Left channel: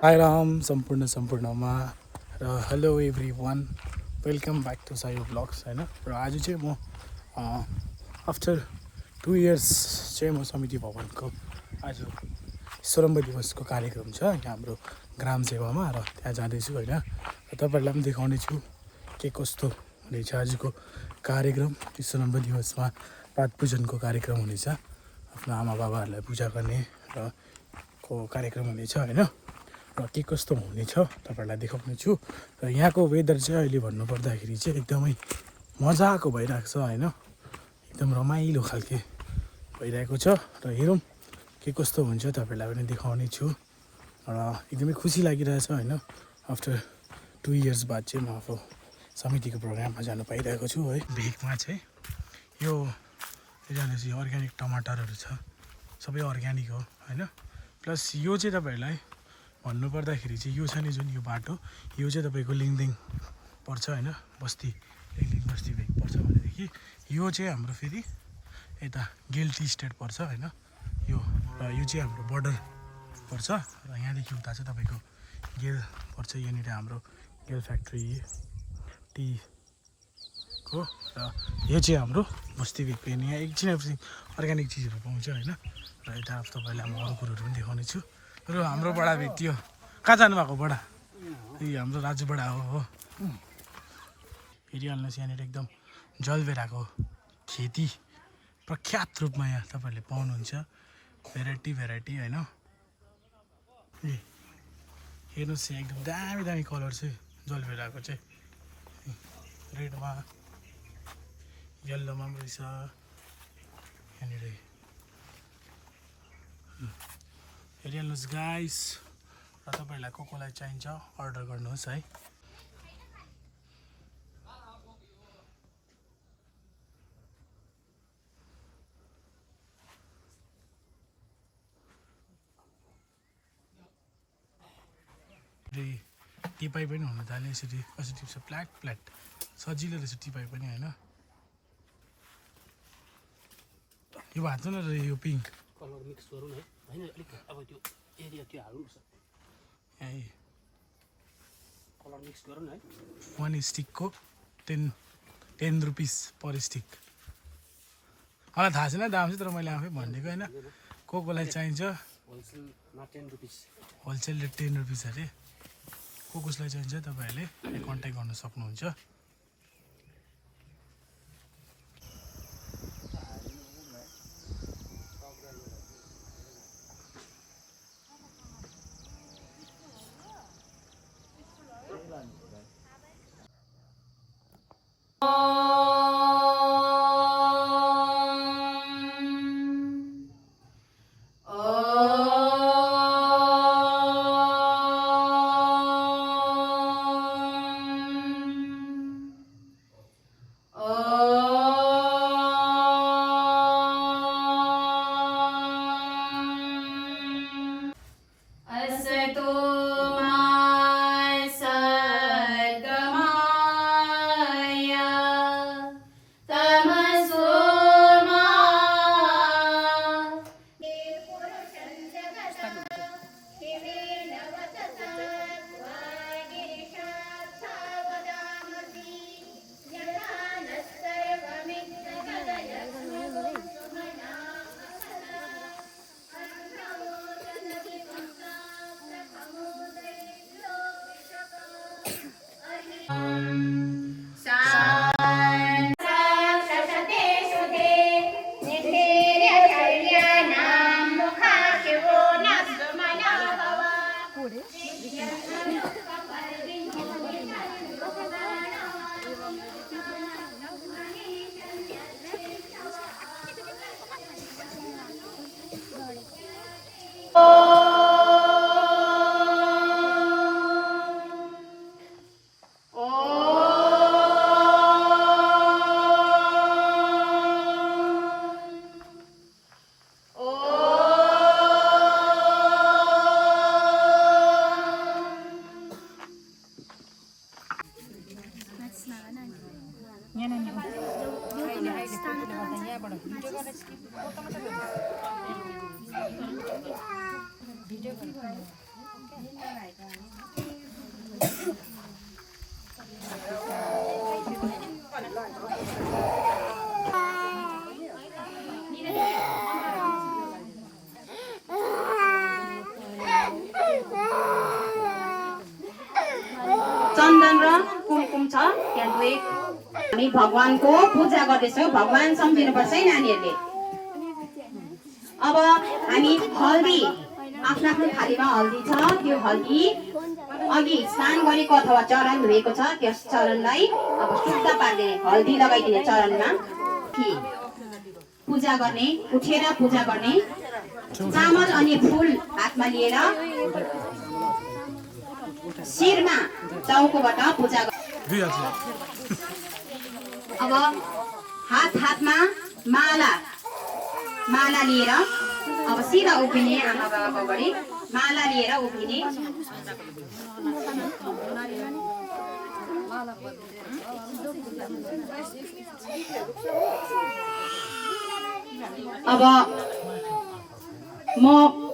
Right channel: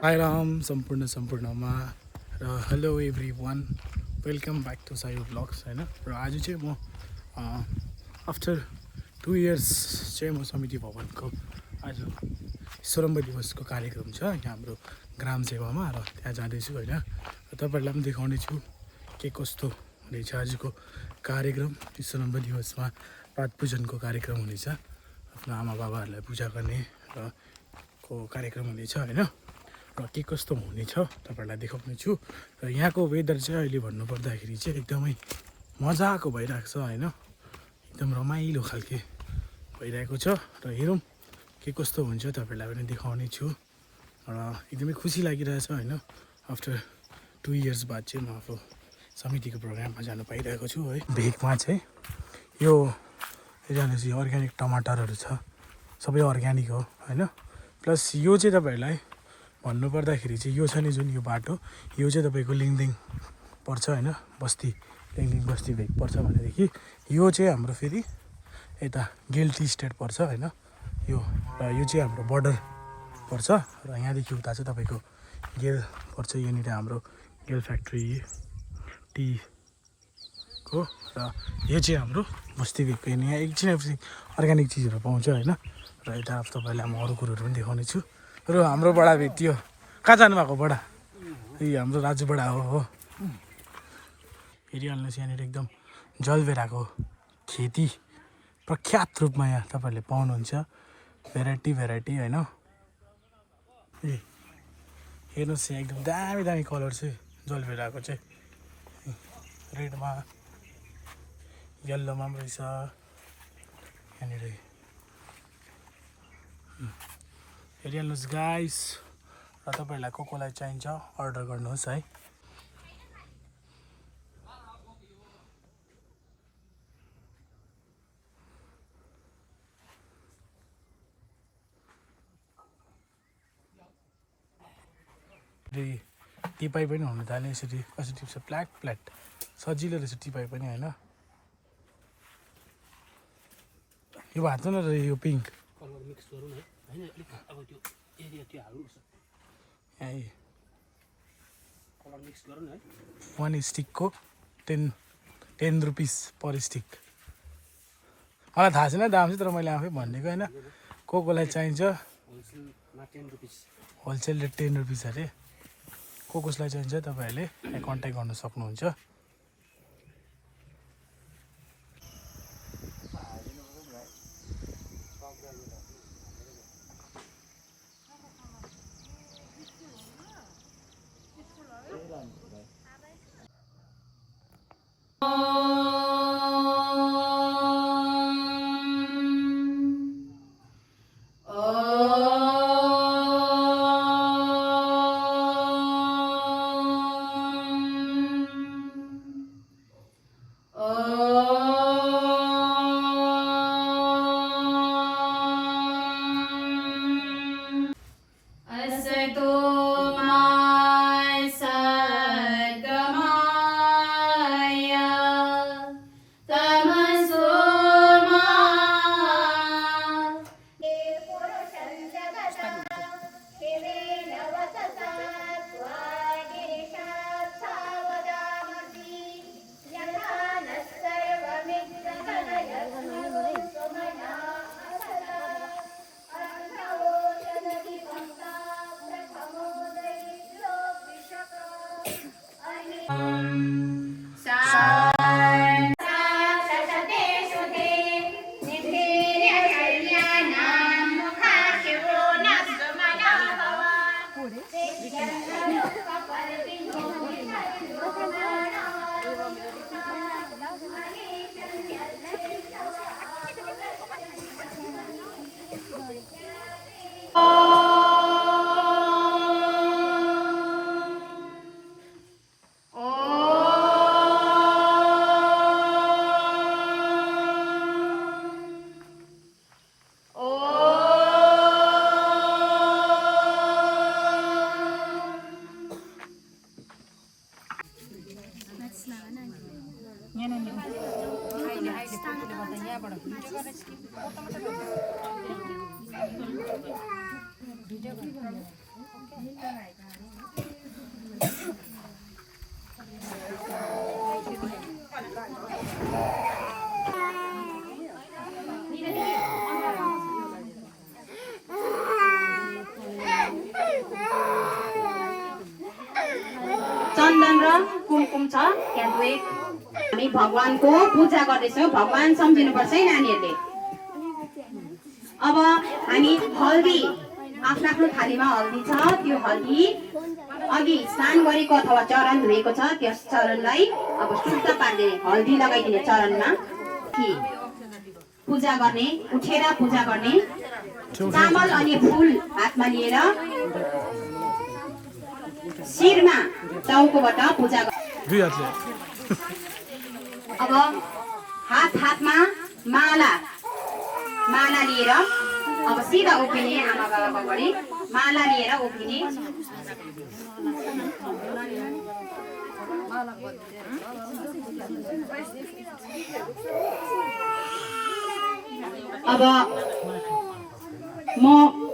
Hi Ram, सम्पूर्णमा र hello everyone welcome back to सायो ब्लग्स होइन र आज चाहिँ म आफ्टर 2 इयर्स चाहिँ म समिति भवनको आज विश्वकर्म दिवसको कार्यक्रम छ यहाँ हाम्रो ग्राम सेवामा र त्यहाँ जाँदैछु होइन र तपाईँहरूलाई पनि देखाउने छु के कस्तो हुनेछ आजको कार्यक्रम। विश्वकर्म दिवसमा पाठ पूजनको कार्यक्रम हुनेछ, आफ्नो आमा बाबाहरूलाई पूजा गर्ने र को कार्यक्रम हुनेछ होइन र के कस्तो हुनेछ तपाईँहरूलाई देखाउने छु। र यहाँको वेदर चाहिँ अहिले भन्नुपर्दाखेरि चाहिँ एकदमै मजाको भइरहेको छ होइन, एकदम रमाइलो खालके भइरहेको छ र हेरौँ के कस्तो हुन्छ तपाईँहरूलाई पनि देखाउने छु। र एकदमै खुसी लागिरहेछ होइन, आफ्टर 2 इयर्स बाद चाहिँ म आफू समितिको प्रोग्राममा जानु पाइरहेको छु है। भेगमा चाहिँ यो जानेपछि अर्ग्यानिक टमाटरहरू छ, सबै अर्ग्यानिक हो होइन। प्लस यो चाहिँ तपाईँहरूलाई भन्नुपर्दाखेरि चाहिँ यो छ नि जुन यो बाटो, यो चाहिँ तपाईँको लिङदिङ पर्छ होइन, बस्ती लिङदिङ बस्ती भेग पर्छ भनेदेखि यो चाहिँ हाम्रो फेरि यता गेल टी स्टेट पर्छ होइन। यो चाहिँ हाम्रो बर्डर पर्छ र यहाँदेखि उता चाहिँ तपाईँको गेल पर्छ। यहाँनिर हाम्रो गेल फ्याक्ट्री टीको र यो चाहिँ हाम्रो बस्ती भेगको यहाँ एकछिन अर्ग्यानिक चिजहरू पाउँछ होइन। र यता तपाईँहरूलाई म अरू कुरोहरू पनि देखाउने छु। र हाम्रो बडा भेटियो, कहाँ जानुभएको बडा? यही हाम्रो राजु बडा हो। हेरिहाल्नुहोस् यहाँनिर एकदम जलबेराको खेती प्रख्यात रूपमा यहाँ तपाईँहरूले पाउनुहुन्छ, भेराइटी होइन। ए हेर्नुहोस् यहाँ एकदम दामी दामी कलर चाहिँ जलबेराको चाहिँ, रेडमा यल्लोमा पनि रहेछ यहाँनिर। हेरिहाल्नुहोस् गाइस, र तपाईँहरूलाई कोलाई चाहिन्छ अर्डर गर्नुहोस् है। टिपाई पनि हुनु थाल्यो यसरी, कसरी टिप्छ फ्ल्याट सजिलो रहेछ टिपाई पनि होइन। यो भात न यो पिङ्क कलर मिक्स गरौँ है होइन, अलिक अब त्यो एरिया त्यो हाल्नु पर्छ, कलर मिक्स गरौँ है। 1 स्टिकको 10 रुपिस पर स्टिक। मलाई थाहा छैन दाम चाहिँ, तर मैले आफै भनिदिएको होइन। कोलाई चाहिन्छ होलसेलमा 10 रुपिस, होलसेल रेट 10 रुपिस अरे। कसलाई चाहिन्छ तपाईँहरूले कन्ट्याक्ट गर्न सक्नुहुन्छ। चन्दन र कुमकुम छ त्यहाँ एक हामी भगवानको पूजा गर्दैछौँ भगवान सम्झिनुपर्छ है नानीहरूले अब हामी हल्दी आफ्नो आफ्नो थालीमा हल्दी छ त्यो हल्दी अघि स्नान गरेको अथवा चरण धोएको छ त्यस चरणलाई अब शुद्ध पार्ने हल्दी लगाइदिने चरणमा पूजा गर्ने उठेर पूजा गर्ने चामल अनि फूल हातमा लिएर शिरमा टाउकोबाट पूजा अब हातमा माला लिएर अब सिधा उभिने आमा बाबाको अगाडि माला लिएर उभिने अब म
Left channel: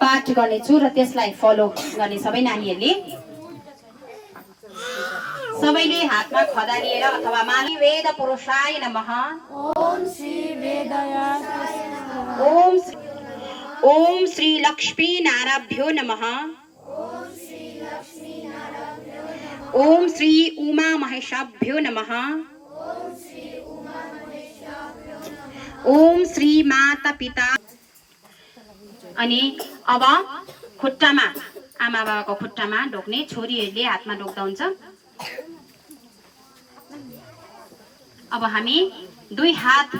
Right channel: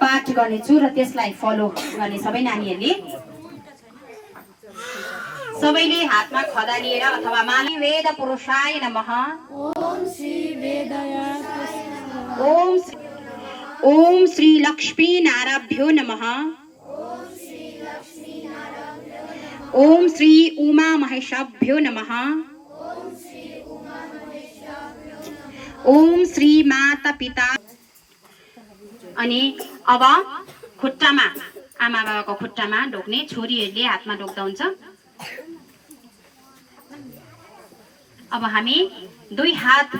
पाठ गर्नेछु र त्यसलाई फलो गर्ने सबै नानीहरूले सबैले हातमा खदा लिएर अथवा माला वेद पुरुषाय नमः ओम श्री लक्ष्मी नाराभ्यो नमः ओम श्री उमा महेशाभ्यो नमः ओम श्री माता पिता अनि अब खुट्टामा आमा बाबाको खुट्टामा ढोक्ने छोरीहरूले हातमा ढोक्दा हुन्छ अब हामी दुई हात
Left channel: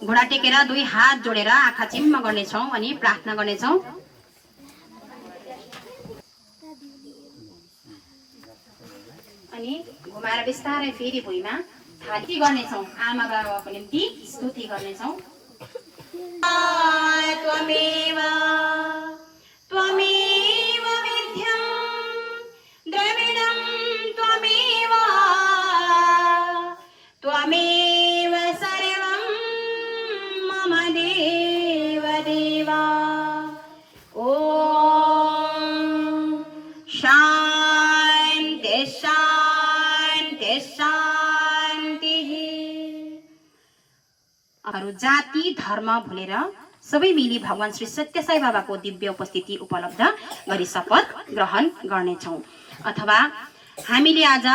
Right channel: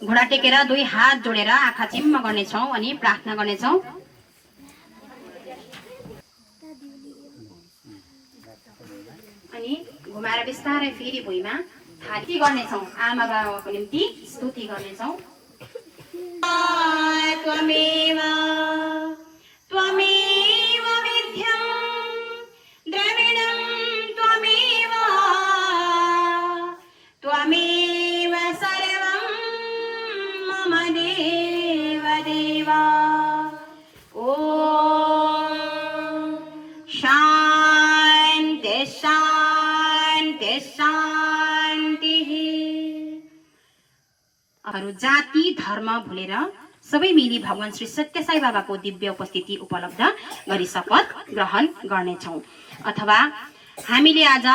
घुँडा टेकेर दुई हात जोडेर आँखा चिम्म गर्नेछौँ अनि प्रार्थना गर्नेछौँ अनि घुमाएर बिस्तारै फेरि भुइँमा थाली गर्नेछौँ आमा बाबाको निम्ति स्तुति गर्नेछौँ त्वमेव त्वमेव विद्यं द्रविणं त्वमेव त्वमेव सर्वं मम देव देवा ॐ शान्ति शान्ति शान्तिः अरू जाति धर्म भुलेर सबै मिली भगवान श्री सत्य साई बाबाको दिव्य उपस्थिति उपलब्ध गरी शपथ ग्रहण गर्नेछौँ अथवा हामीले आज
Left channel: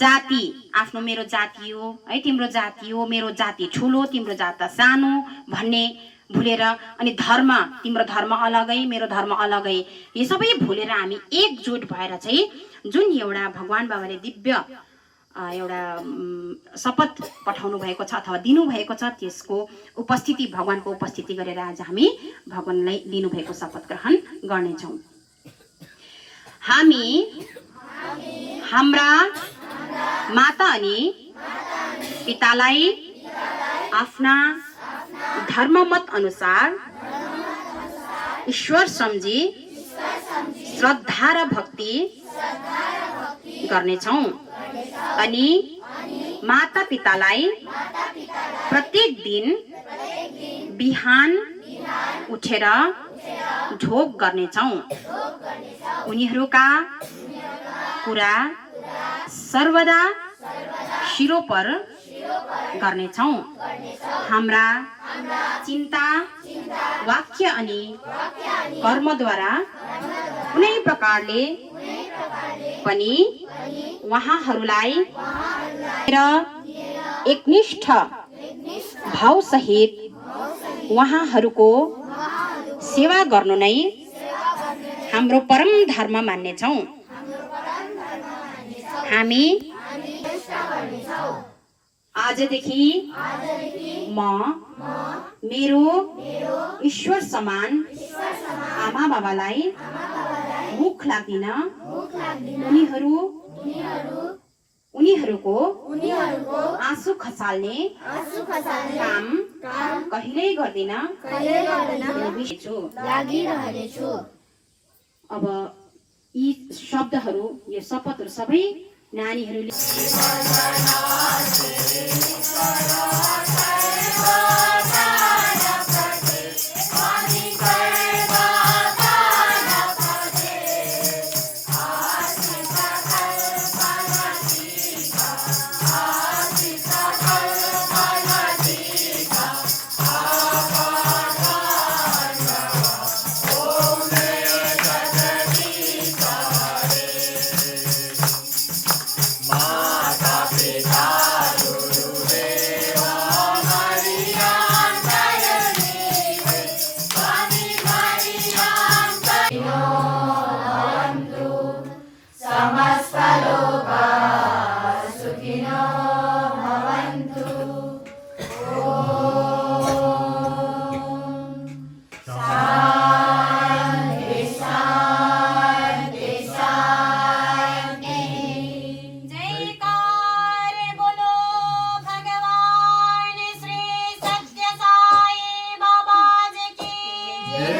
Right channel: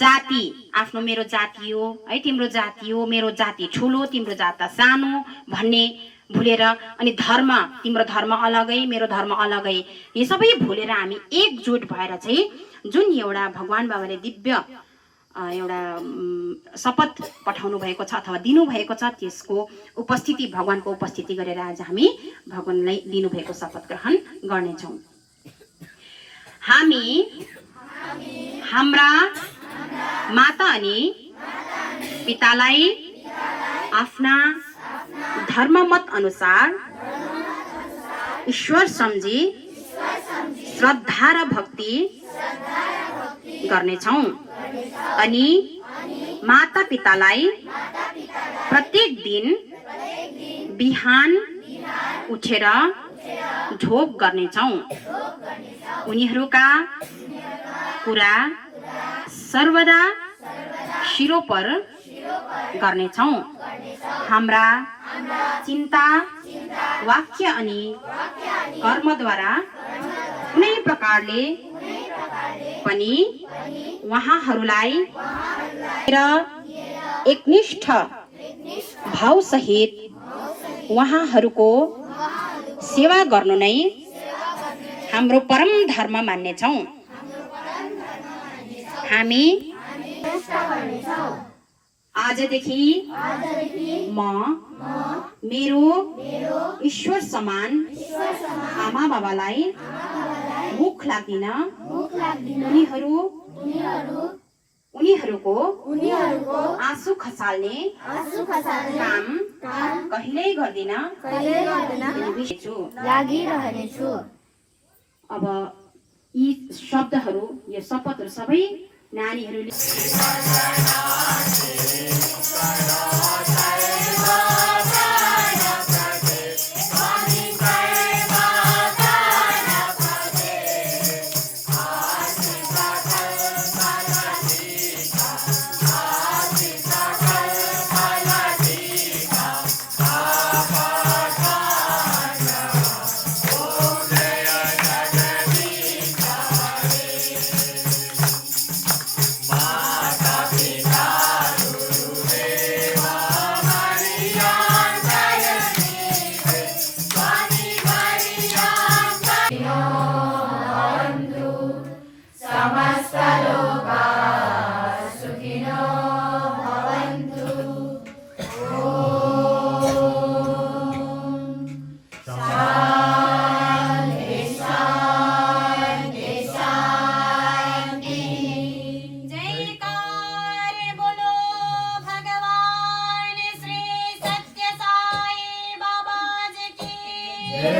जाति आफ्नो मेरो जाति हो है तिम्रो जाति हो मेरो जाति ठुलो तिम्रो जात सानो भन्ने भुलेर अनि धर्म तिम्रो धर्म अलगै मेरो धर्म अलगै यो सबै भुलेर हामी एकजुट भएर चाहिँ जुन एउटा भगवान बाबाले दिव्य एउटा शपथ पठाउनु भएको छ अथवा दिनुभएको छ त्यसको उपस्थिति भगवानको उपस्थिति गरेर आज हामी भगवानलाई दिनुभएको शपथ ग्रहण गर्नेछौँ हामी हाम्रा माता अनि पितालाई आफ्ना धर्ममत अनुसार ईश्वर सम्झी श्रद्धा र भक्ति गर्नेछौँ अनि माता पितालाई प्रत्येक दिन बिहान उठेर ढोक गर्नेछौँ उनीहरूका कुरा सर्वदा शिरोपर गर्नेछौँ हाम्रा चिन्ता वाक्य अनि कर्मद्वारा कुनै प्रकारले पनि उहाँहरूलाई र एकनिष्ठ भावसहित उहाँहरूको सेवा गर्नु नै हाम्रो परम धर्म मान्नेछौँ हामी आजदेखि म मेरो ईश्वर समान आमा बाबालाई मुख लाग्दिन उनीहरूको आँसु खसाल्ने काम कहिल्यै गर्दिन लागिरहनेछु अब यी शब्दहरू यो शपथहरू सबै नानीहरूले जय